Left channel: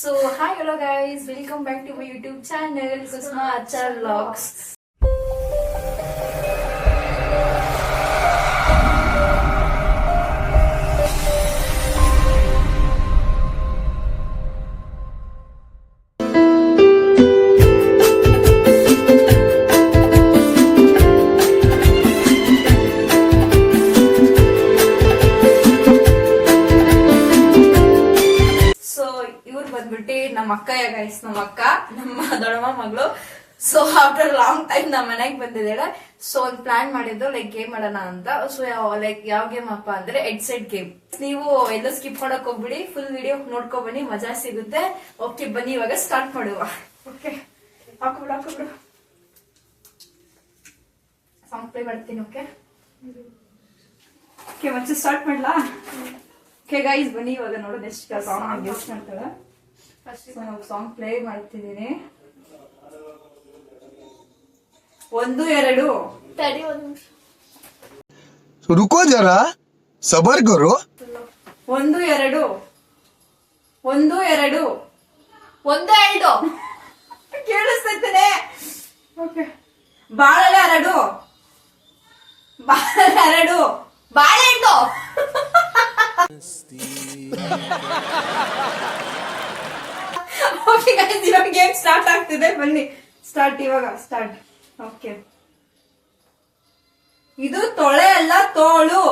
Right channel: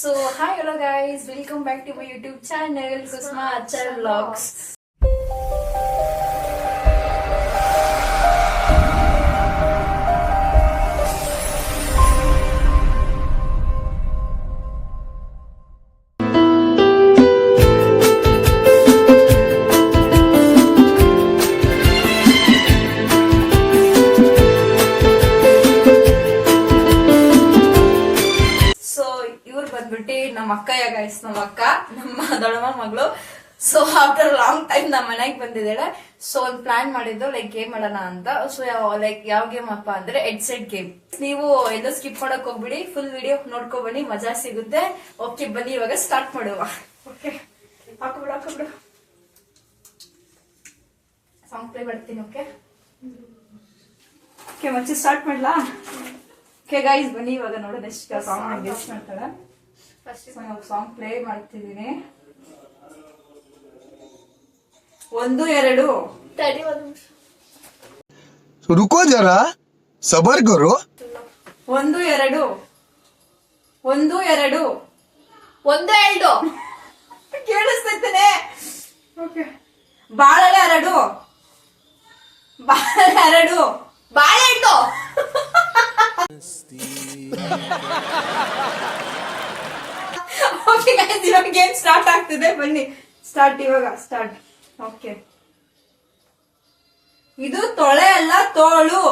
So hi hello guys, welcome back to my YouTube channel Kusma Achar Vlogs. ಬಂದ್ಬಿಟ್ಟು ನಮ್ಮ ಅಕ್ಕಯ್ಯ guys, ನಮ್ಮ ಅಕ್ಕ, ನಮ್ಮ ದೊಡ್ಡಮ್ಮ ಮಗಳು. ಸೊ ಆಫ್ಟರ್ ಲಾಂಗ್ ಟೈಮ್ ನಮ್ಮ ಮನೆಗೆ ಬಂದಿದ್ದಾಳೆ. ಸೊ ಒಂದು ಪ್ಲಾನ್ ಮಾಡಿದ್ದು ಲೈಕ್ ಗೇಮ್ ಮಾಡೋಣ ಅಂತ. ಸೊ ಲೈಕ್ ಯಾವ ಗೇಮ್ ಅಪ್ಪ ಅಂದ್ರೆ ಹೆಡ್ಸೆಟ್ ಗೇಮ್. ನೀವು ಎಲ್ಲೂ ಸ್ಕಿಪ್ ಮಾಡಕ್ ಹೋಗ್ಬಿಡಿ, ಫುಲ್ ವಿಡಿಯೋ ನೋಡ್ಕೊ ಬನ್ನಿ, ಮಜಾ ಸಿಗುತ್ತೆ. ಓಕೆ ಬನ್ನಿ ಇವಾಗ ಸ್ಟಾರ್ಟ್ ಮಾಡುವ. ಓಕೆ ಹಾಕೋಬಿಡು ಸಾಂಗ್ ಪ್ಲೇ ಮಾಡ್ತೀನಿ. ಓಕೆ ಮತ್ತೆ ಸ್ಟಾರ್ಟ್ ಮಾಡ್ಲಾ? ಓಕೆ ಗೈಸ್ ಬನ್ನಿ ಇವಾಗ ನೋಡೋದು ಎಷ್ಟು ಸಾಂಗ್ ಗೆಸ್ಟ್ ಮಾಡ್ತಾಳೆ. ಸಾಂಗ್ ಪ್ಲೇ ಮಾಡ್ತಿದ್ದೀನಿ. 1 2 ತಡಿ ಒಂದು ನಿಮಿಷ, रुको जरा सबर करो. 1 2 1 2 1 2 ಕೇಳಿಸ್ತೈತೇನೆ. ಓಕೆ ಬಾಳೆಲೆ 2 ಬಾಳೆಹಣ್ಣು ಓಕೆ ಗೈಸ್ ಇವಾಗ ಗೇಮ್ ಸ್ಟಾರ್ಟ್ ಆಗ್ತಿದೆ. ಬನ್ನಿ ಸ್ಟಾರ್ಟ್, ಇವಾಗ ಸ್ಟಾರ್ಟ್. ಓಕೆ ಇದು ತೊಳೆ ಅಲ್ಲ ತೋಳು,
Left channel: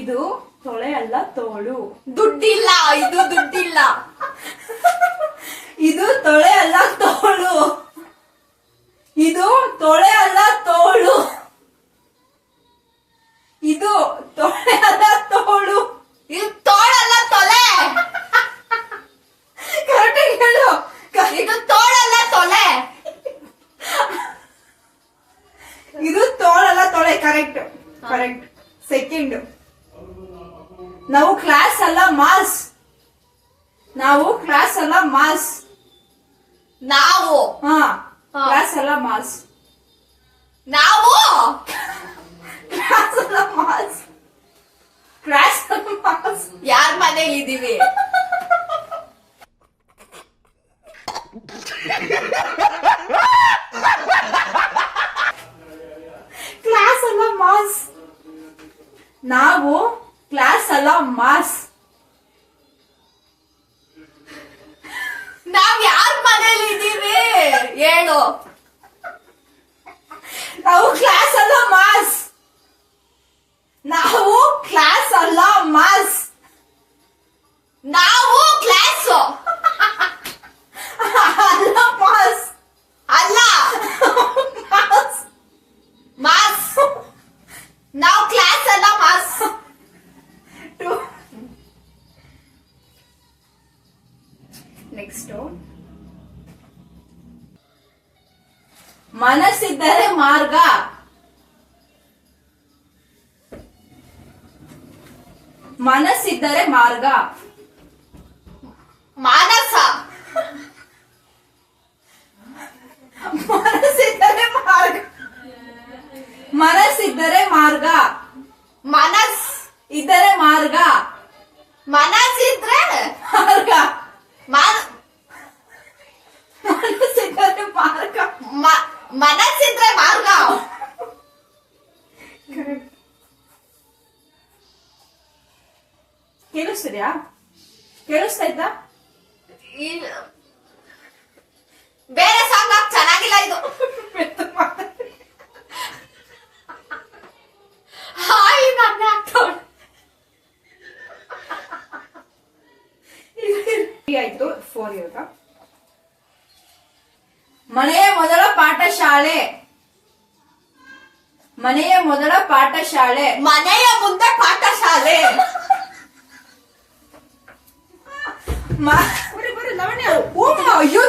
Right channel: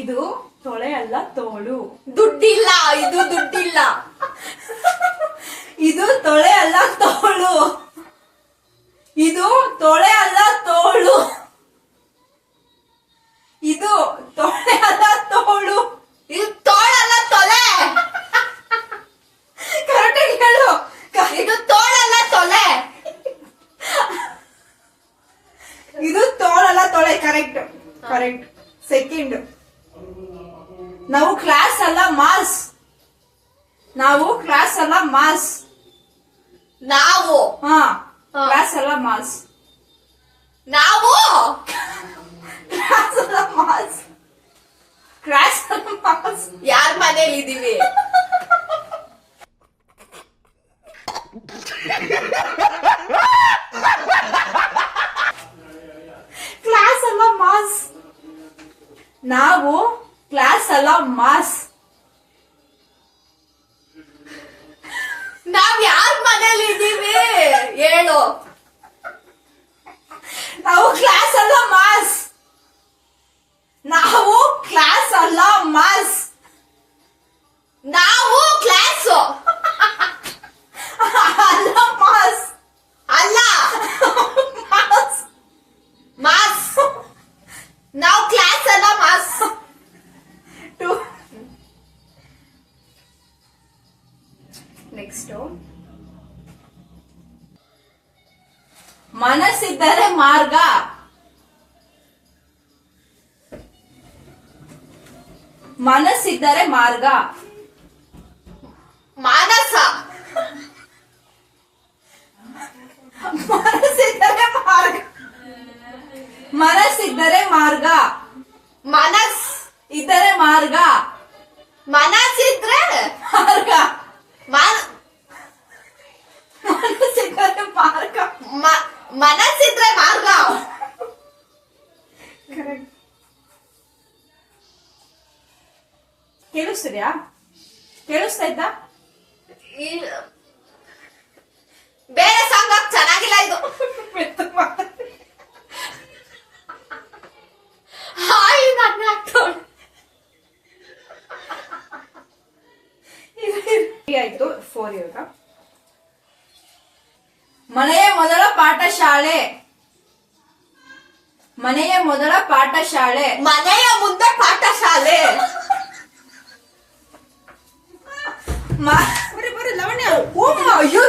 ಇದು ತೊಳೆ ಅಲ್ಲ ತೋಳು. ದುಡ್ಡಿಲ್ಲ, ಇದು ದುಡ್ಡಿಲ್ಲ. ಇದು ತೊಳೆ ಅಲ್ಲ ತೋಳು, ಇದು ತೊಳೆ ಅಲ್ಲ ತೋಳು, ಇದು ತೊಳೆ ಅಲ್ಲ ತೋಳು, ಇದು ತೋಳಲ್ಲ ತೊಲೆ. ಕರೆಕ್ಟಾಗಿ ಹೇಳು. ಇದು ತೋಳಲ್ಲ ತೊಲೆ. ಇದು ತೋಳಲ್ಲ ತೊಳೆ. Correct correct. ಸೆಕೆಂಡ್, ನಾವು ಕ್ಲಾಸ್ ಅಲ್ಲ ಮಾಸ್, ನಾವು ಕ್ಲಾಸ್ ಅಲ್ಲ ಮಾಸ್. ನಾವು ಕ್ಲಾಸ್ ಅಲ್ಲ ಮಾಸ್, ನಾವು ಕ್ಲಾಸ್ ಅಲ್ಲ ಮಾಸ್, ಕ್ಲಾಸ್ ಅಲ್ಲ ಮಾಸ್. ಯಾರ ಮನೇಲಿ ಇದೀವಿ? ಕ್ಲಾಸ್ ಅಲ್ಲ ಮಾಸ್, ನಾವು ಕ್ಲಾಸ್ ಅಲ್ಲ ಮಾಸ್. ನಾವ್ ಯಾರ ಮನೇಲಿ ಇದೀವಿ ಹೇಳು. ನಾವು ಕ್ಲಾಸ್ ಅಲ್ಲ ಮಾಸ್, ನಾವು ಕ್ಲಾಸ್ ಅಲ್ಲ ಮಾಸ್, ನಾವು ಕ್ಲಾಸ್ ಅಲ್ಲ ಮಾಸ್, ಅಲ್ಲ ಮಾಸ್. ಮಾಸ್. ನಾವು ಕ್ಲಾಸ್ ಅಲ್ಲ ಮಾಸ್. ನೆಕ್ಸ್ಟ್, ಮನಸ್ಸಿದ್ದರೆ ಮಾರ್ಗ, ಮನಸ್ಸಿದ್ದರೆ ಮಾರ್ಗ, ಮಾನಸ. ಮನಸ್ಸಿದ್ದರೆ ಮಾರ್ಗ, ಮನಸ್ಸಿದ್ದರೆ ಮಾರ್ಗ, ಮನಸ್ ಇದ್ದರೆ ಮಾರ್ಗ, ಮನಸ್ಸಿದ್ರೆ ಮಾರ್ಗ, ಮನ್- ಮನಸ್ಸಿದ್ದರೆ ಮಾರ್ಗ. ಮನಸ್ಸಿದ್ರೆ ಮಾರ್ಗ. ಕೇಳಿಸ್ತಿದ್ಯಾ? ಕೇಳಿಸ್ತಾಯ್ತಾ? ಬೇರೆ ಸಾಂಗ್ ಚೆನ್ನಾಗಿಲ್ಲ ಇದು. ಹಾಯ್ ನನ್ನ ಹಾಕ್ತವಳು. ಆಯ್ತು 4 ಇವಾಗ. ಮನೆಯ ಮೊದಲ ಪಾಠಶಾಲೆ, ಮನೆಯ ಮೊದಲ ಪಾಠಶಾಲೆ, ಮನೆಯ ಮುಂದೆ ಪಾಠಶಾಲೆ. ಅಯ್ಯೋ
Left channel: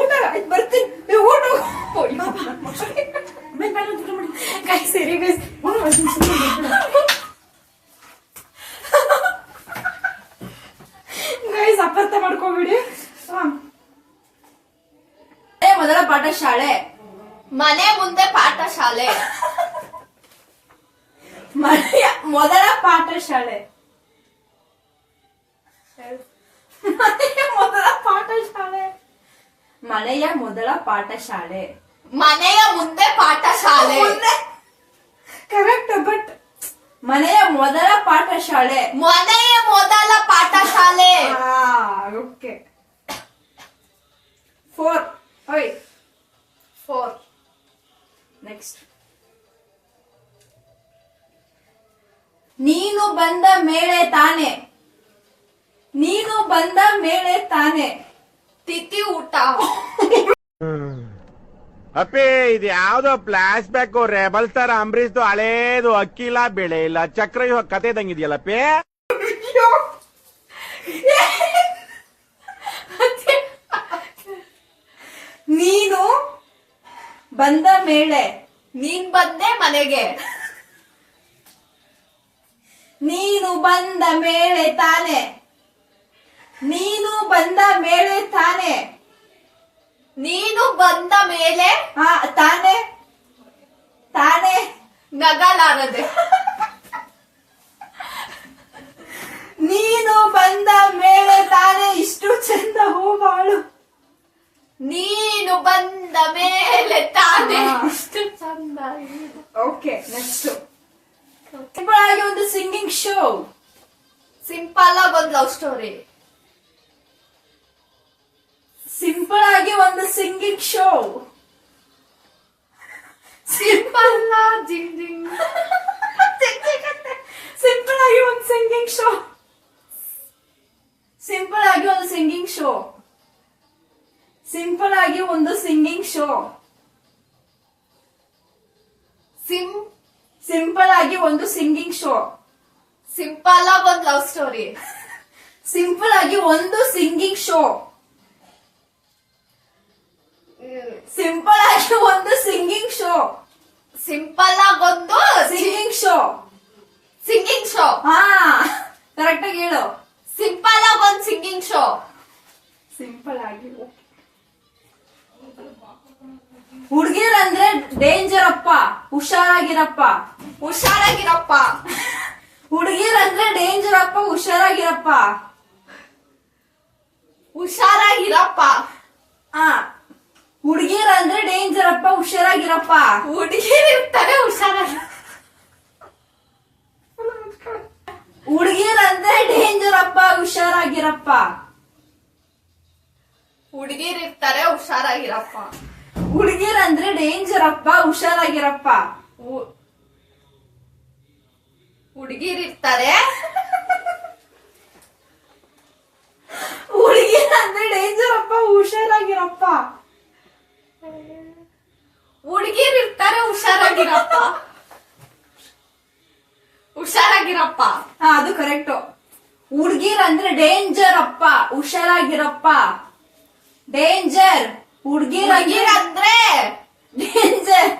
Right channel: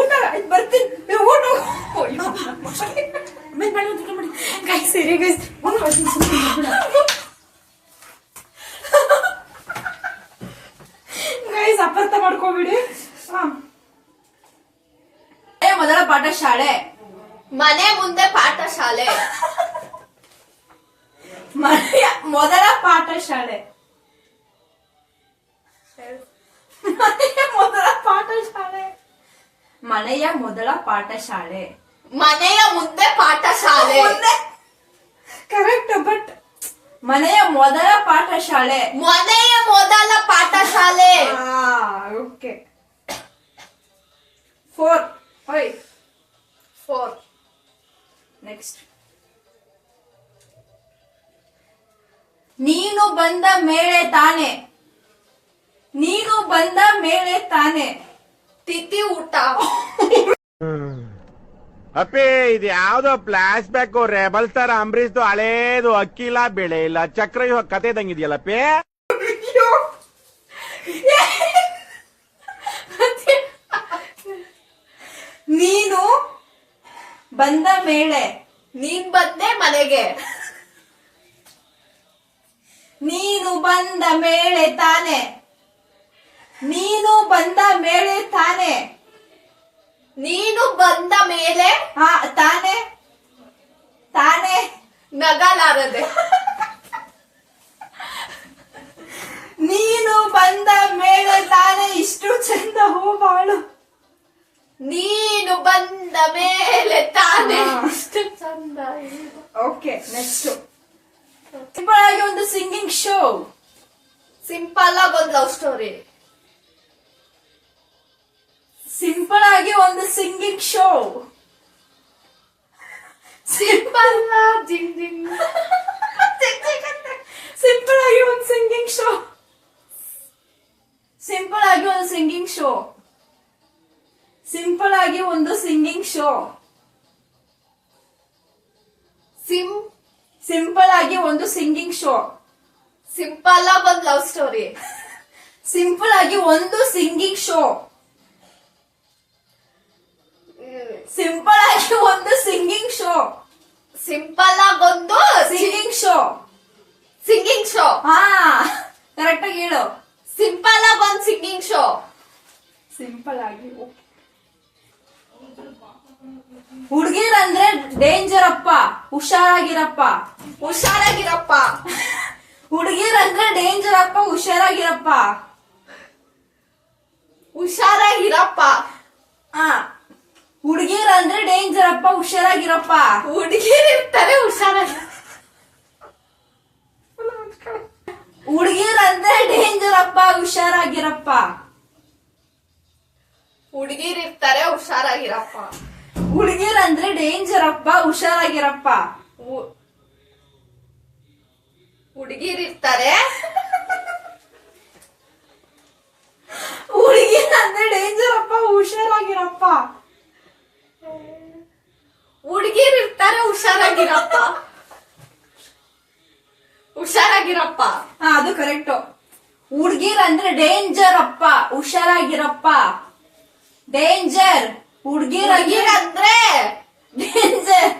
ಊಟ ಬರ್ತೀನಿ, ಊಟ ಸರಿ ಗೈಸ್ ಅಪಾರ್ಥ ಮಾಡ್ಕೋಬಿಡಿ. ಮೊದಲ ಪಾಠಶಾಲೆ, ಮನೆ ಮುಂದೆ ಪಾಠಶಾಲೆ. ಮನೆಯ ಮೊದಲ ಪಾಠಶಾಲೆ, ಮನೆಯ ಮೊದಲ ಪಾಠಶಾಲೆ. ಮನೆಯ ಮೊದಲ ಪಾಠಶಾಲೆ. ಮನೆಯ ಮುಂದೆ ಪಾಠಶಾಲೆ. ಕರೆಕ್ಟ್, ಬಟ್ ಮನೆಯ ಮೊದಲ ಪಾಠಶಾಲೆ. ಮನೆಯ ಮೊದಲ ಪಾಠಶಾಲೆ. ಓಕೆ. 4. 4. ನೆಕ್ಸ್ಟ್. ನೀನು ಬಂದ ಮೇಲೆ ತಾನೆ. ನೀನು ಬಂದ ಮೇಲೆ ತಾನೆ. ತಿಥಿ ಊಟ. ಅಪ್ಪಿ ಇದು ಯಾವ್ದೋ flash back rebel star Ambareesh ಹಳೇದು ಅಕ್ಕಿಲ್ಲ ಬೆಳೆ ಇಲ್ಲ ಚಕ್ರ ಇವಾಗ ಕತೆ ಇದಂಗಿದೆಯಲ್ಲಪ್ಪಿ. ನೀನು ಬಂದ ಮೇಲೆ. ನೀನ್ ಬಂದೆ ಮನೆಗೆ. ನೀನು ಬಂದ ಮೇಲೆ ತಾನೆ. ನೀನು ಬಂದ ಮೇಲೆ ತಾನೆ. ನೀನು ಬಂದ ಮೇಲೆ ತಾನೆ ತಾನೆ. ನಗಲಾರದೆ. ನೀನು ಬಂದ ಮೇಲೆ ತಾನೆ ಇಷ್ಟು ಚಂದ ಹೂವಾಳು. ನೀನು ಬಂದ ಮೇಲೆ ತಾನೆ ಹಾ. ಇಷ್ಟು ಚಂದ ಇದೆ. Okay, next. ಸಿಂಪಲ್ ಆಗಿ ಒಂದು ಸಿಂಗಿಂಗ್ ಶೋ. ಸಿಂಪಲ್ ಆಗಿ ಒಂದು ಲವ್ ಸ್ಟೋರಿ. ಸಿಂಪಲ್ ಆಗಿ ಒಂದು ಸಿಂಗಿಂಗ್ ಶೋ. ಸಿಂಪಲ್ ಜಿಂಗ್ ಜಿಂಗ್. ಸಿಂಪಲ್ ಆಗಿ ಒಂದು ಸಿಂಗಿಂಗ್ ಶೋ. ಸಿಂಪಲ್ ಆಗಿ ಒಂದು ಸಿಂಗಿಂಗ್ ಶೋ. ಸಿಂಪಲ್ ಆಗಿ ಒಂದು ಸಿಂಗಿಂಗ್ ಶೋ. ಸಿಂಪಲ್ ಆಗಿ ಒಂದು ಸಿಂಗಿಂಗ್ ಶೋ. ಸಿಂಪಲ್ ಆಗಿ ಒಂದು ಲವ್ ಸ್ಟೋರಿ. ಸಿಂಪಲ್ ಆಗಿ ಒಂದು ಸಿಂಗಿಂಗ್ ಶೋ. ಸಿಂಪಲ್ ಆಗಿ ಒಂದು ಸಿಂಗಿಂಗ್ ಶೋ. ಸಿಂಪಲ್ ಆಗಿ ಒಂದು singing show. Singing show. Correct ಆಗಿ ಹೇಳು. ಸಿಂಪಲ್ ಆಗಿ ಒಂದು ಸಿಂಗಿಂಗ್ ಶೋ. ಸಿಂಪಲ್ ಆಗಿ. ಹುಡುಗಿರಂದ್ರೆ ಡೇಂಜರ್ ಅಪ್ಪ, ಹುಷಾರಾಗಿರಪ್ಪ. ಹುಷಾರಾಗಿರಪ್ಪ. ಹುಡುಗಿರಂದ್ರೆ ಡೇಂಜರ್ ಅಪ್ಪ, ಹುಷಾರಾಗಿರಪ್ಪ. ಹುಷಾರಾಗಿರಪ್ಪ. ಹುಡುಗಿರಂದ್ರೆ ಡೇಂಜರ್ ಅಪ್ಪ, ಹುಷಾರಾಗಿರಪ್ಪ. ಹುಡುಗಿರಿರ್ತಾರೆ ಹುಷಾರಾಗಿ. ಹುಡುಗಿರಂದ್ರೆ ಡೇಂಜರ್ ಅಪ್ಪ, ಹುಷಾರಾಗಿರಪ್ಪ. ಹುಡುಗಿರಿರ್ತಾರೆ ಹುಷಾರಾಗಿರಪ್ಪ. ಹುಡುಗಿರಂದ್ರೆ ಡೇಂಜರ್ ಅಪ್ಪ, ಹುಷಾರಾಗಿರಪ್ಪ. ಹುಡುಗಿರಿರ್ತಾರೆ. ಹುಡುಗಿರಂದ್ರೆ ಡೇಂಜರ್ ಅಪ್ಪ, ಹುಷಾರಾಗಿರಪ್ಪ. ಹುಡುಗಿರಿರ್ತಾರೆ ಹುಷಾರಾಗಿರಪ್ಪ. ಹುಷಾರಾಗಿರಪ್ಪ. ಅದು ಕರೆಕ್ಟ್. ಹುಡುಗಿರಂದ್ರೆ ಡೇಂಜರ್ ಅಪ್ಪ, ಹುಷಾರಾಗಿರಪ್ಪ. ಡೇಂಜರ್. ಹುಡುಗಿರಂದ್ರೆ ಡೇಂಜರ್.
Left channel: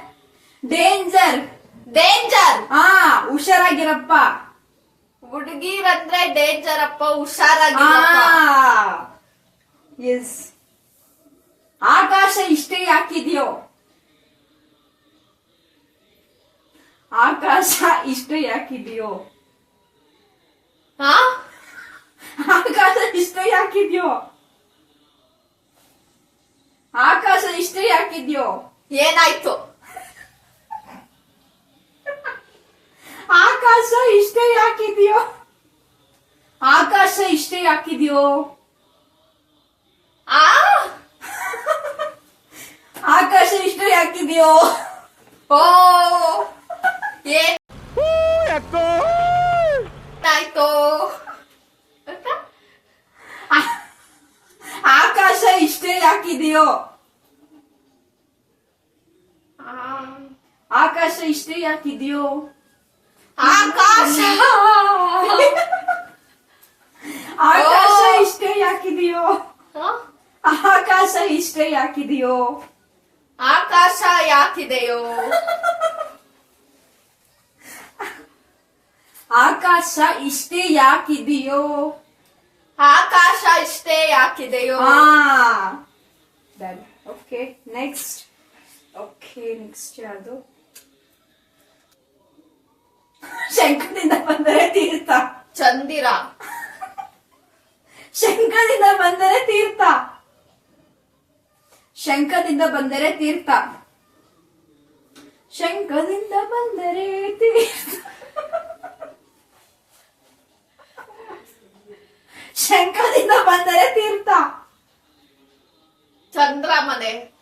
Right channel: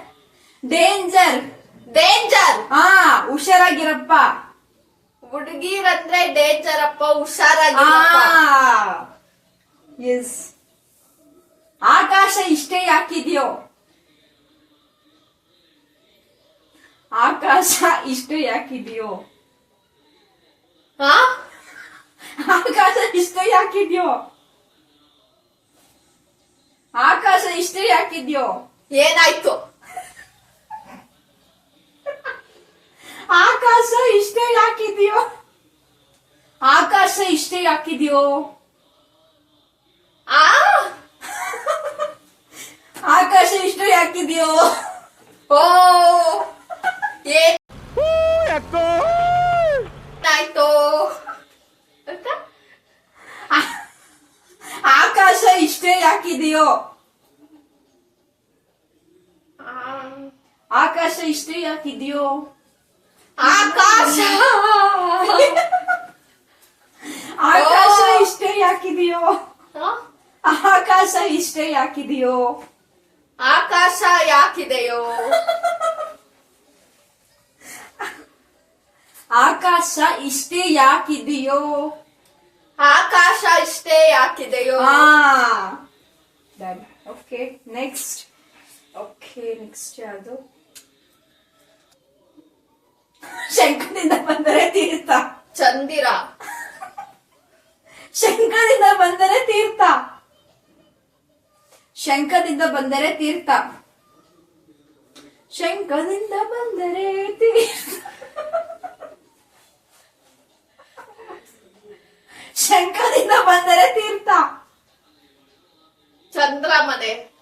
ಡೇಂಜರ್. ಡೇಂಜರ್. ಹುಷಾರಾಗಿರಪ್ಪ. ಹುಡುಗಿರಂದ್ರೆ ಡೇಂಜರ್ ಅಪ್ಪ, ಹುಷಾರಾಗಿರಪ್ಪ. ಎಸ್. ಆಕಾಶ ಇಷ್ಟೇ ಯಾಕಿದ್ಯೋ. ಆಕಾಶ ಇಷ್ಟೇ ಯಾಕಿದ್ಯೋ. ಹಾ? ಆಕಾಶ ಇಷ್ಟೇ ಯಾಕಿದ್ಯೋ. ಆಕಾಶ ಇಷ್ಟೇ ಯಾಕಿದ್ಯೋ. ಏನಾಯ್ತು? ಆಕಾಶ ಇಷ್ಟೇ ಯಾಕಿದ್ಯೋ. ಆಕಾಶ ಇಷ್ಟೇ ಯಾಕಿದ್ಯೋ. ಆ ಆಕಾಶ ಇಷ್ಟೇ ಯಾಕಿದ್ಯೋ. ಓ ಏನಾಯ್ತು? ಆಕಾಶ ಇಷ್ಟೇ ಯಾಕಿದೆಯೋ. ಆಕಾಶ ಇಷ್ಟೇ ಯಾಕಿದೆಯೋ. ಆಕಾಶ. ಆಕಾಶ ಇಷ್ಟೇ ಯಾಕಿದೆಯೋ. ಹ? ಆಕಾಶ ಇಷ್ಟೇ ಯಾಕಿದೆಯೋ. ಆಕಾಶ ಯಾಕಿದೆಯೋ. ಆಕಾಶ ಇಷ್ಟೇ ಯಾಕಿದೆಯೋ. ಆಕಾಶ ಇಷ್ಟೇ ಯಾಕಿದೆಯೋ. Okay, next. ಓಕೆ, ನೆಕ್ಸ್ಟ್ ಯಾವುದು? ಶಂಕದಿಂದ ಬಂದರೆ ತೀರ್ಥ. ಚಂದಿರ. ಶಂಖದಿಂದ ಬಂದರೆ ತೀರ್ಥ. ಶಂಖದಿಂದ ಬಂದರೆ ತೀರ್ಥ. ಶಂಖದಿಂದ ಬಂದರೆ ತೀರ್ಥ. ಶಂಖದಿಂದ ಬಂದರೆ ತೀರ್ಥ. ಚಂದ್ರಮನೆ.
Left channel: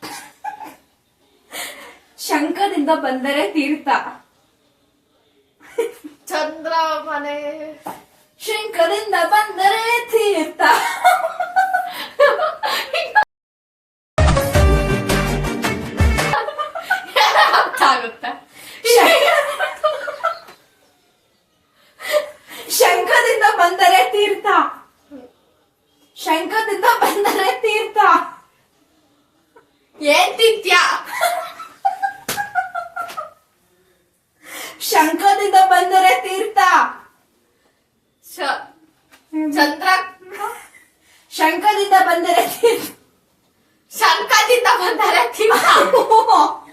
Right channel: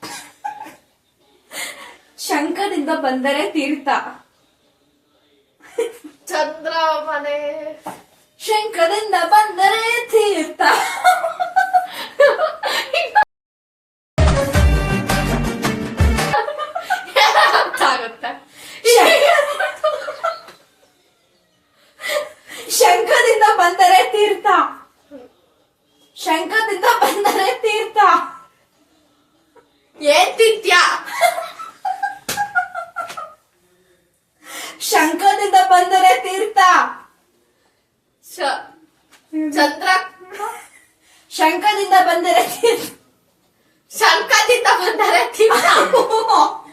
ಶಂಖದಿಂದ ಬಂದರೆ ತೀರ್ಥ. ಚಂದ್ರಮನೆ. ಶಂಖದಿಂದ ಬಂದರೆ ತೀರ್ಥ. ಆಗುತ್ತೆ. ಶಂಖದಿಂದ ಬಂದರೆ ತೀರ್ಥ. ಶಂಖದಿಂದ ಬಂದರೆ ತೀರ್ಥ. ಏನ್ ತಿಂತ್ಯ? ಶಂಖದಿಂದ ಬಂದರೆ ತೀರ್ಥ. ಚಂದ್ರ. ಶಂಖದಿಂದ ಬಂದರೆ ತೀರ್ಥ. ಶಂಖದಿಂದ ಬಂದರೆ ತೀರ್ಥ.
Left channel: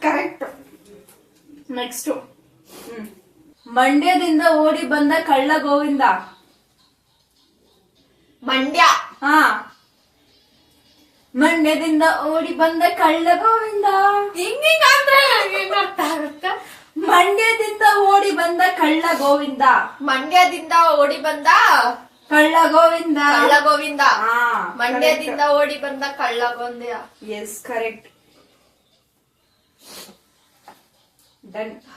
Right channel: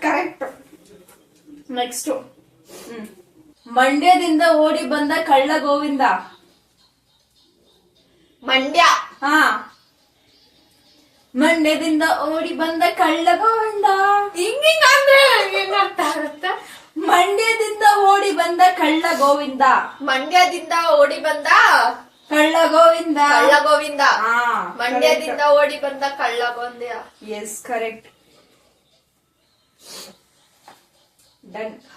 ಕರೆಕ್ಟ್. ನೆಕ್ಸ್ಟ್. ಮಂಡ್ಯದಿಂದ ಓಡಿ ಬಂದ ಕಳ್ಳ ಗೋವಿಂದ. ಮಂಡ್ಯ. ಹಾ. ಮಂಡ್ಯದಿಂದ ಓಡಿ ಬಂದ ಕಳ್ಳ ಗೋವಿಂದ. ಹಿಂಗಿಂಗ್ ಅಂದ್ರೆ ಏನ್ ಅರ್ಥ ಆಗುತ್ತೆ? ಮಂಡ್ಯದಿಂದ ಓಡಿ ಬಂದ ಕಳ್ಳ ಗೋವಿಂದ. ಮಂಡ್ಯದಿಂದ ಓಡಿ ಬಂದ ಕಳ್ಳ ಗೋವಿಂದ. ಕಳ್ಳ ಗೋವಿಂದ. ಹಾ. ಮಂಡ್ಯದಿಂದ ಓಡಿ ಬಂದ ಕಳ್ಳ ಗೋವಿಂದ. Yes correct. ಡನ್.